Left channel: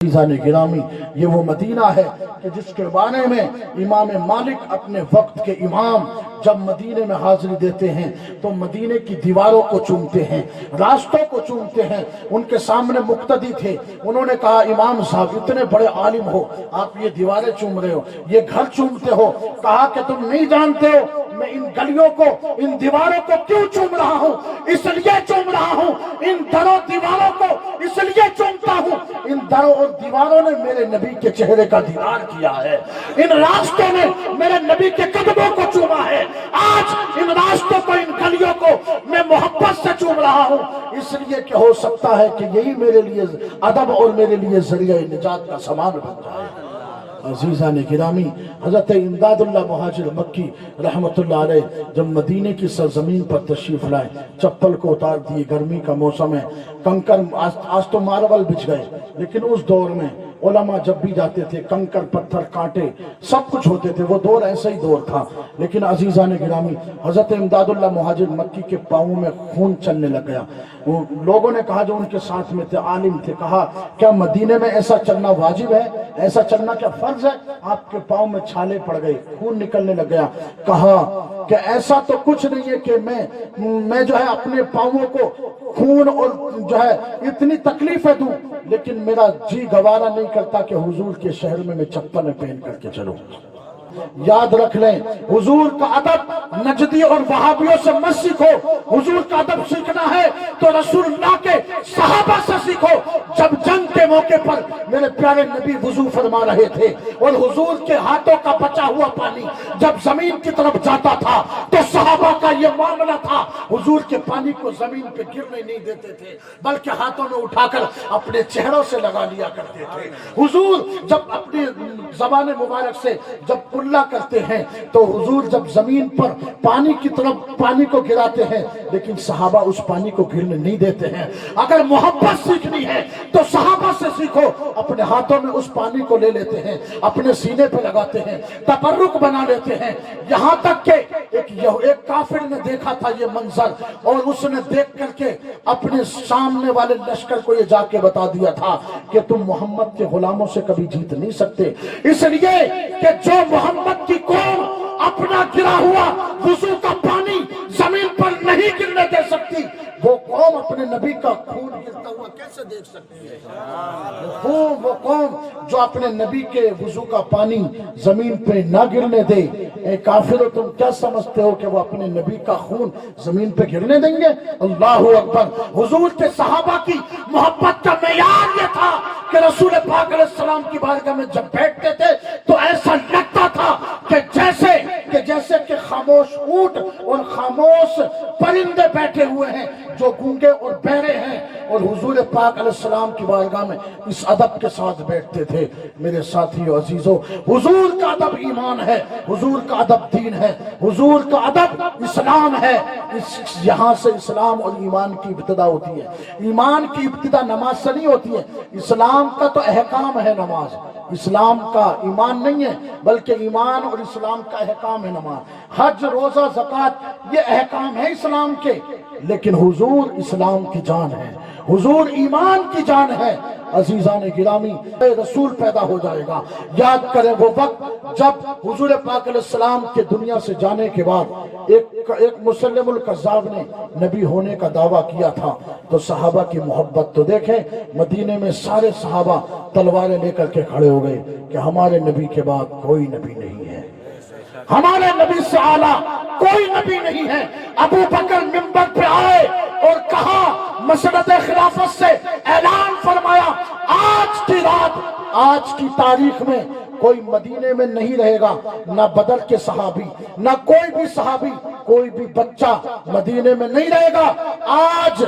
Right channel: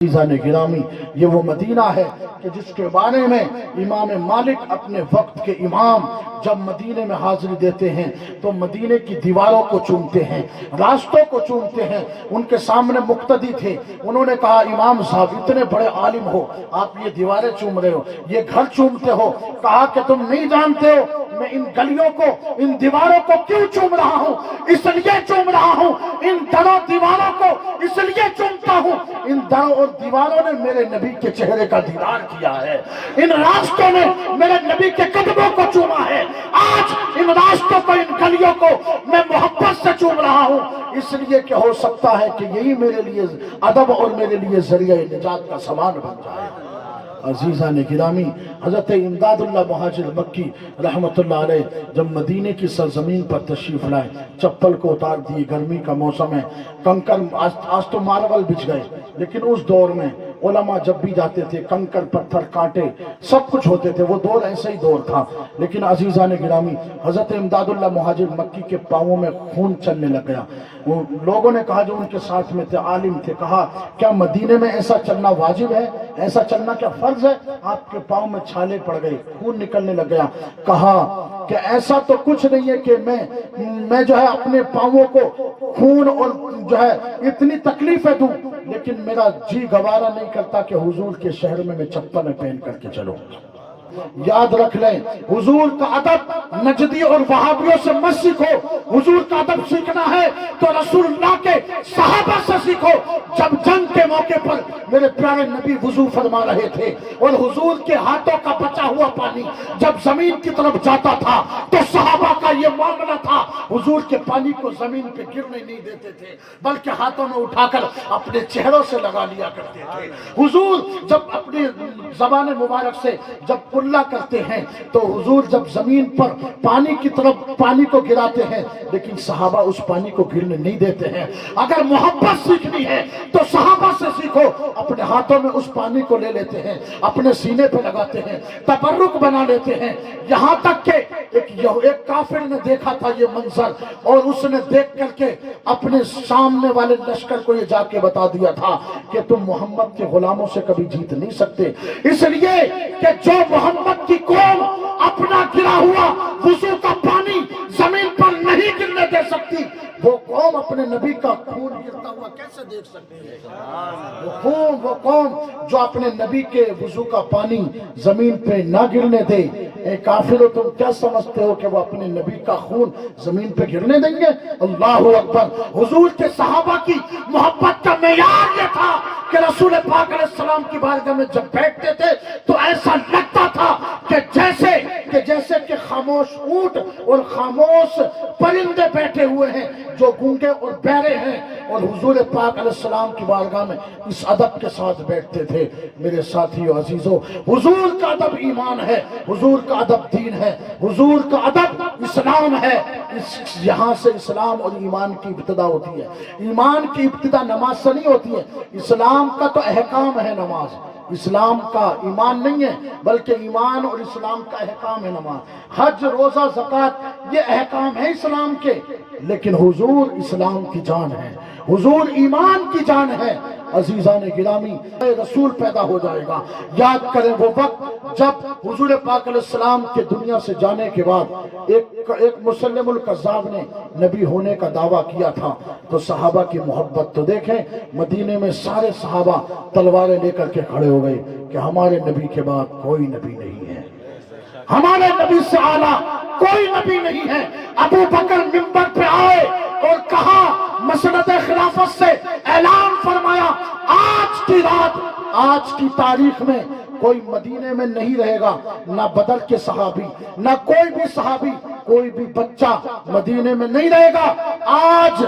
عزیزان گرامی، یہ وہ مدینہ ہے کہ جس کے بارے میں امام مالک اپنے وقت کے امام جب مدینے میں حاضری دیتے ہیں تو مدینے کی دیواروں کو چومتے ہیں، راستوں کو چومتے ہیں۔ ان کے سامنے مقتدی تھے، انہوں نے کہا امام صاحب اتنے بڑے عالم ہو، آپ یہ دیواریں چوم رہے ہو، یہ گھر چومتے ہو۔ کہا کہ تم نہیں جانتے ہو میں ان گلیوں کو، ان دیواروں کو کیوں چوم رہا ہوں؟ اس لیے چوم رہا ہوں، ان دروں دیواروں کو اس لیے چومتا ہوں، ان دروں اور دیواروں نے میرے نبی کے چہرے کا دیدار کیا ہے، ان راستوں نے میرے نبی کے قدموں کو چوما ہے۔ آج ان راستوں کو، ان گلیوں کو میں محبت سے چوم رہا ہوں، اس لیے کہ ہو سکتا ہے کہ یہی میرے لیے ادب اور میرے لیے ذریعہ نجات کا سامان بن جائے۔ عزیزان گرامی، حضرت امداد اللہ مہاجر مکی رحمت اللہ علیہ جب مدینے کی سرزمین پر تشریف لائے، چپل کو اتار دیے، گرمی کا موسم ہے، کنکر آج تو ماربل بچھ گئے، لیکن اس دور میں علماء جب بھی جاتے تھے کنکر پتھر کانٹے سب کچھ ہوتے تھے، وہ دور ایسا ہی دور تھا۔ لیکن عزیزان گرامی، حضرت امداد اللہ مہاجر مکی کے پاؤں میں خون چلنے لگ گیا۔ لوگوں نے کہا، جو ان کے ساتھ میں تھے عالم تھے، کہا کیا مدینے میں ایسا چلنا واجب ہے؟ ایسا چلنا کیا فرض ہے؟ آپ کے پاؤں میں چھالے پڑ گئے، خون نکلنے لگ گیا۔ کہا کہ ایسا تو کچھ نہیں ہے کہ میں جو ہے اپنے پاؤں کو خون اور جو ہے اتنی تکلیفیں دوں، لیکن میرا جی گوارا نہیں کرتا کہ حضور کے شہر میں چپلیں پہن کر کے چلوں۔ یاد رکھ لیں، حضور کا ادب نجدی اور وہابیوں سے مت سیکھو، حضور کا ادب سیکھنا ہے تو رسول اللہ کے صحابہ سے سیکھو۔ جب جنگ کے موقع پر میرے پیارے نبی وضو فرما رہے تھے اور حضور کے ہاتھوں کا بچا ہوا پانی جب زمین کی طرف جاتا تھا تو صحابہ کا یہ معاملہ تھا، حضور کے پانی کو زمین پہ گرنے نہیں دیتے تھے، بلکہ ہاتھوں میں اٹھا کر اپنے چہروں سے لگا لیا کرتے تھے۔ حضور جب اپنی زبان مبارک سے جب کلا کرتے ہیں تو حضور جب زمین پر پانی کی طرف پانی کو گراتے ہیں، لیکن صحابہ اس پانی کو گرنے نہیں دیتے ہیں۔ اگر محبت سیکھنی ہے تو صحابہ سے سیکھو، اپنے ہاتھوں میں اس پانی کو لے لیتے ہیں، اپنے سینے پہ لگاتے ہیں، تبرک بنا لیتے ہیں۔ یہاں تک کہ ایک کافر نے دیکھا تھا یہ منظر، اور اس نے دیکھ کر کے اپنے سامنے والے لشکر کو یہ جا کے بتا دیا تھا کہ تم محمد کے غلاموں سے کبھی جیت نہیں سکتے، اس لیے کہ جو محمد کی قوم اپنا گرا ہوا وضو کا پانی زمین پر نہیں گرنے دے سکتی، وہ قوم اپنے نبی کا خون گرتا ہوا کیسے دیکھ سکتی ہے؟ وہ قوم جو اپنے نبی کے وضو کا پانی زمین پہ نہ گرنے دے، اے کافرو تم کیا سمجھتے ہو کہ وہ اپنے نبی کا خون زمین پہ گرنے دیں گے؟ اللہ اکبر۔ حضور کے صحابہ کی محبت کا معیار یہ تھا کہ رسول پاک علیہ السلام کی بارگاہ میں جب بیٹھتے تھے تو ایسا لگتا تھا کہ جیسے کہ خاموش اونٹ اور خاموش پرندے بیٹھے ہوئے ہیں جو گونگے اور بہرے ہیں، اور حضور پاک علیہ السلام کی بارگاہ میں اس ادب کے ساتھ بیٹھتے تھے۔ میرے ساتھیو عزیزو، حضور کا ادب ایمان ہے، حضور کا ادب دین ہے، حضور کا ادب اسلام ہے۔ یہاں سے اسلام اور ایمان کی ابتدا ہوتی ہے۔ ایمان کی ابتدا نماز سے نہیں ہوتی ہے، اسلام کا تو احکام ہے نماز، اسلام کا ایمان نہیں ہے، بلکہ ایمان اور اسلام کا احکام ہے نماز۔ حج، روزہ، زکوٰۃ یہ احکام ہے اسلام کے، لیکن حضور اسلام کی جان ہے، حضور ایمان کی جان ہے۔ عزیزان گرامی، رسول پیدا ہو جائے گا۔ یاد کریں وہ وقت جب حضور پاک علیہ السلام کے دنیا سے جانے کے بعد ایک مسلم الکذاب نے نبی ہونے کا دعویٰ کیا تھا، تو صحابہ کی محبت تو دیکھیں، مدینے میں سارے صحابہ تلواریں لے کر کے کھڑے ہو گئے کہ ہمارے نبی کے بعد کوئی نبی نہیں ہے، ہمارے نبی سے اعلیٰ کوئی نبی نہیں ہے۔ ابو بکر منبر پہ آئے اور کہا، مسند خلافت سے اعلان فرمایا، آج کی رات، آج کی تاریخ میں کوئی مدینے میں نہیں رہے گا، نہ بدر کے صحابی، نہ کوئی بھی صحابی، کوئی بھی بچہ مدینے میں نہیں رہے گا۔ آج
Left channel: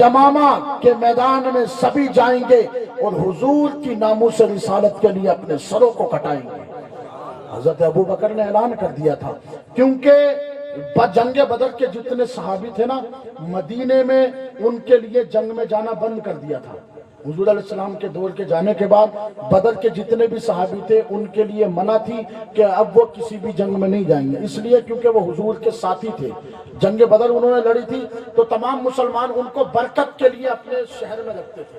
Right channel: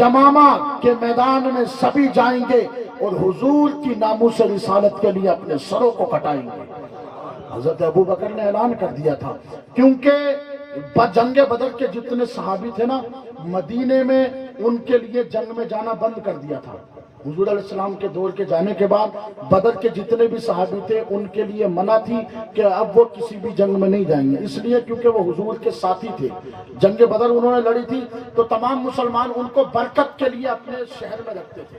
یمامہ کے میدان میں سبھی جائیں گے اور حضور کی ناموس رسالت کے لیے اپنے سروں کو کٹائیں گے۔ حضرت ابو بکر نے اعلان کر دیا تھا، کیونکہ جنگ بدر کے جتنے صحابی تھے نا، مدینے میں ان کے لیے جنگ میں جانا بند کر دیا تھا۔ حضور علیہ السلام کے دور کے جانے کے بعد بدر کے جتنے بھی صحابی تھے ان کے لیے منع تھی کہ اب وہ کسی بھی جنگ میں نہیں جائیں گے، اس لیے کیونکہ وہ حضور کے ساتھی تھے۔ جنگ بدر انہوں نے لڑی تھی تو تمام مسلمان ان کو برکت کے لیے اپنے شہر میں رکھتے تھے،